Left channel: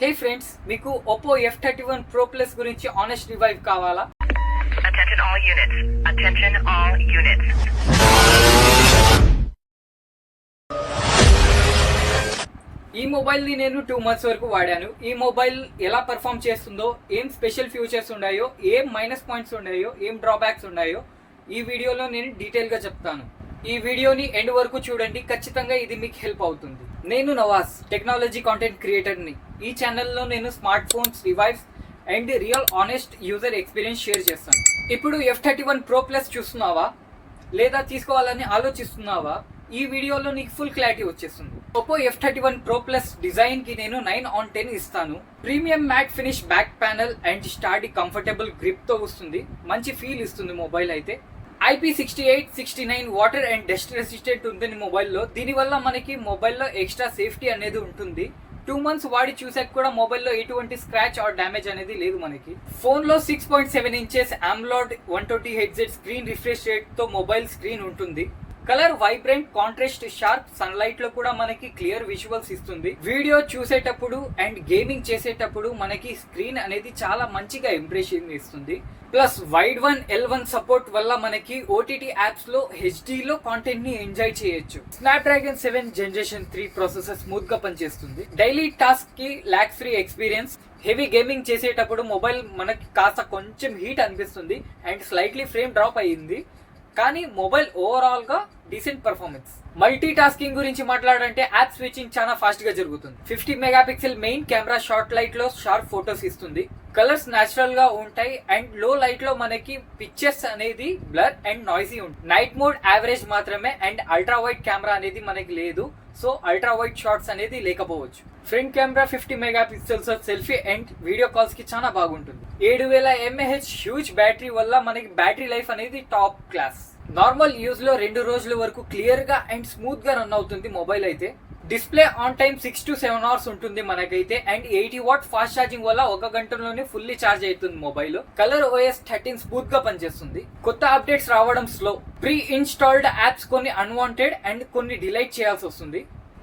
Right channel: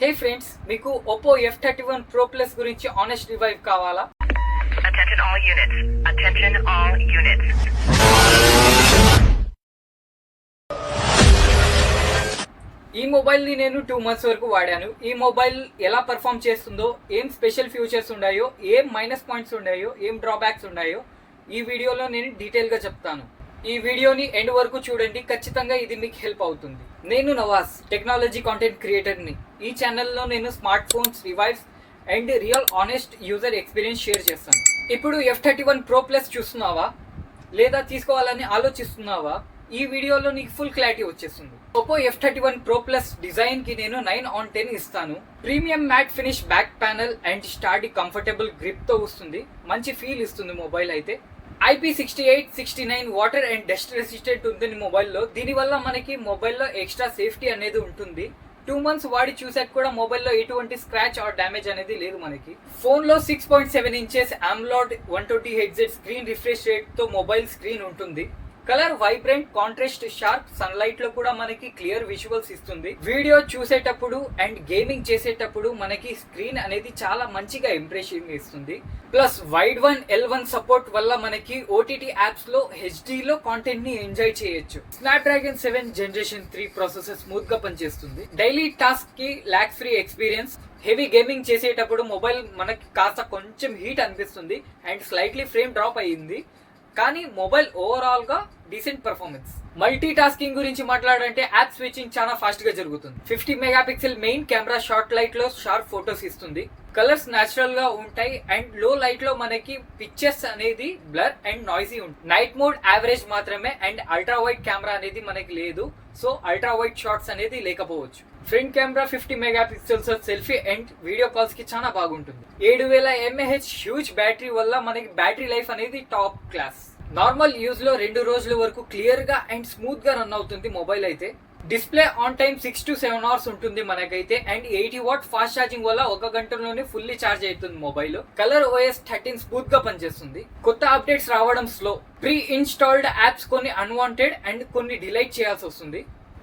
హే friends, మీకు Oppo F31 Pro Plus గురించి honest revive కావాలా? Attention all units. Attention all units. ఈ మొబైల్ని నేను 2 months వరకు వాడాను. ఈ మొబైల్ ఎలా పర్ఫామ్ చేస్తుందో, ఏం స్పెషల్ ఫీచర్స్ ఉన్నాయో, ఏం మైనస్ పాయింట్స్ ఉన్నాయో, ఏం డ్రాబ్యాక్స్ ఉన్నాయో ఈ వీడియోలో నేను డీటెయిల్గా చెప్తాను. ఈ వీడియోని ఎండ్ వరకు చూడండి, ఖచ్చితంగా ఇది మీకు హెల్ప్ అవుతుంది. నేను నవాజ్, టెక్నాలజీ కాంటెంట్ క్రియేటర్ని. ఈ ఛానల్లో నేను smart phones revives and real honest user experience share చేస్తాను. ఇప్పుడు F31 Pro Plus చూస్తున్నావా లేదా తీసుకోవాలని ఆలోచిస్తున్నావా? ఈ వీడియోలో నీకు ఫుల్ క్లారిటీ వచ్చేస్తుంది. Oppo F31 Pro Plus design కి నేను 9/10 ఇస్తాను. Premium matte finish back panel and sturdy comfortable grip తో వస్తుంది. మంచి ఫీల్ ఇస్తుంది మొబైల్ అయితే. IP68, 69 water and dust resistant ఉంటుంది మొబైల్లో. దీనివల్ల మనకి మొబైల్లో ఎక్స్ట్రా సేఫ్టీ అనేది ఉంటుంది. 2 months వాడి చూసాక కూడా మొబైల్లో ఎటువంటి స్క్రాచ్ ఆర్ డ్యామేజ్ అనేది లేదు మనకి. ఫోన్ లో 6.7 inches AMOLED 120Hz screen refresh rate తో మొబైల్ స్క్రీన్ ఉంటుంది. Colour vibrant, contrast, sharp, sunlight లో కూడా మనకి క్లియర్ విజువల్స్ ఇస్తుంది. వీడియో చూసేటప్పుడు అండ్ గేమింగ్ చేసేటప్పుడు మనకి స్క్రీన్ అనేది చాలా మంచిగా ఇంప్రెషన్ ఇస్తుంది. ప్లస్ వైడ్ 1L1 సపోర్ట్ వల్ల మనకి OTT యాప్స్ లో HD లో కాంటెంట్ ని ఎంజాయ్ చేయొచ్చు. స్నాప్డ్రాగన్ 7 Generation 3 ప్రాసెసర్ స్మూత్ గా పనిచేస్తుంది. డైలీ టాస్క్ కి lag free experience. Heavy gaming చేసేటప్పుడు మొబైల్ మనకి కాస్త కొంచెం హీట్ అనిపిస్తుంది అండ్ స్లైట్లీ ఫ్రేమ్ డ్రాప్ అయ్యింది, కానీ మొబైల్ ఓవరాల్ గా డీసెంట్ పర్ఫార్మెన్స్. మల్టీ టాస్కింగ్ గురించి మాట్లాడంటే యాప్ స్విచ్చింగ్ చాలా ఫాస్ట్ గా జరుగుతుంది. 50 megapixel main camera short light లో షార్ప్ ఫోటోస్ ఇస్తుంది. కలర్స్ నేచురల్ గా ఉంటాయి అండ్ లో లైట్ లో మనకి పిక్చర్స్ అనేది బ్లర్ అండ్ నాయిసీ ఉంటుంది. నైట్ మోడ్ యావరేజ్ మాత్రమే అండ్ అల్ట్రా వైడ్ కెమెరా అనేది మనకి లేదు, సో అల్ట్రా వైడ్ షాట్స్ అనేది లేకపోవచ్చు. Front camera 50 megapixels selfie and video calls కి చాలా బాగుంటుంది. 7000 mAh హ్యూజ్ బ్యాటరీ వల్ల మనకి బ్యాటరీ లైఫ్ అనేది టాప్ క్లాస్. నార్మల్ యూజ్ లో 2 రోజుల వరకు క్లియర్ గా అండ్ స్మూత్ గా రన్ అవుతుంది మొబైల్ అయితే. Display on time 6 to 7 hours ఉంటుంది మనకైతే అండ్ 80 watt ఫాస్ట్ ఛార్జింగ్ వల్ల 1 గంటలోనే ఫుల్లీ ఛార్జ్ అవుతుంది మొబైల్. కలర్ OS 13 స్మూత్ గా పనిచేస్తుంది. కొత్త అప్డేట్స్ రావడం స్లో. ప్రీ ఇన్స్టాల్డ్ యాప్స్ కొన్ని అన్వాంటెడ్ అండ్ కొన్ని డిలీట్ చేయాల్సి వస్తుంది.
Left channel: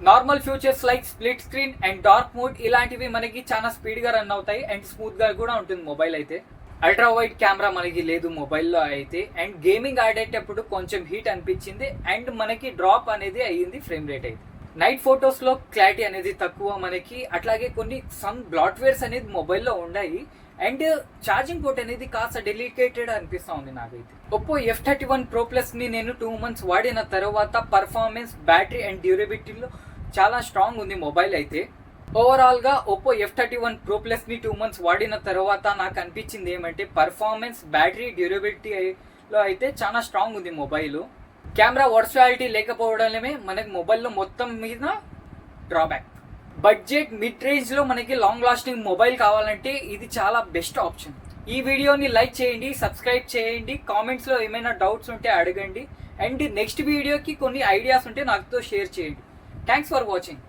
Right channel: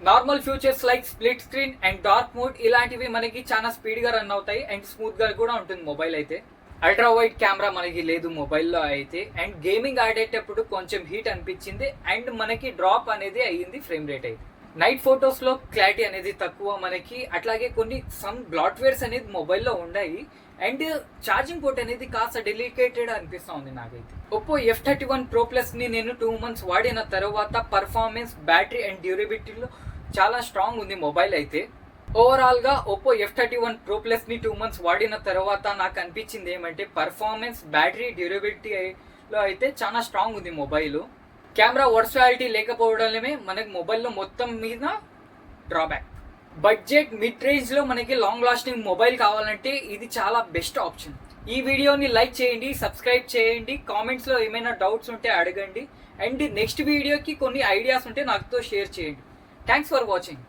Normal features like split screen and dark mode ఇలాంటివి మనకి చాలా స్పీడ్ గా రన్ అవుతాయి అండ్ స్మూత్ గా కూడా ఉంటుంది మొబైల్ అయితే. అల్ట్రా వైడ్ కెమెరా మనకి లేదు మొబైల్లో అయితే అండ్ గేమింగ్ ఆడేటప్పుడు కొంచెం హీట్ అనిపించింది అండ్ మనకి డ్రాప్ అనేది అయ్యింది ఫ్రేమ్ రేట్ అయితే. నైట్ ఫొటోస్ లో క్లారిటీ అనేది తక్కువ మనకి, అట్లాగే కొన్ని సమ్ బ్లాట్వేర్స్ అనేది మొబైల్లో ఉన్నాయి అండ్ ఛార్జింగ్ పోర్ట్ అనేది కాస్త డెలికేటెడ్ అనిపిస్తా ఉంది నాకైతే. ఒప్పో F31 Pro Plus ని నేను 2 months వాడిన తర్వాత పర్ఫార్మెన్స్, బ్యాటరీ అండ్ డ్యూరబిలిటీలో చాలా స్ట్రాంగ్ ఉంది మొబైల్ అయితే. ఓవరాల్ గా ఒప్పో F31 Pro Plus ని 2 months వాడిన తర్వాత నాకు అనిపించింది ఏమంటే పర్ఫార్మెన్స్, బ్యాటరీ, డ్యూరబిలిటీలో అయితే చాలా స్ట్రాంగ్ ఉంది మొబైల్. కెమెరా వర్చువాలిటీ లేకపోవడమే మనకి మొబైల్లో మొత్తం మీద డ్రాబ్యాక్. బడ్జెట్ మిడ్ రేంజ్ లో మనకి లాంగ్ లాస్టింగ్ మొబైల్ కావాలంటే ఇది చాలా బెస్ట్ ఆప్షన్. ఈ వీడియోని లైక్ చేయండి, సబ్స్క్రైబ్ చేయండి, కామెంట్స్ లో ఏమైనా డౌట్స్ ఉంటే అడగండి అండ్ నెక్స్ట్ వీడియోకి కొన్ని ఐడియాస్ ఉంటే నాతో షేర్ చేయండి. Thanks for watching.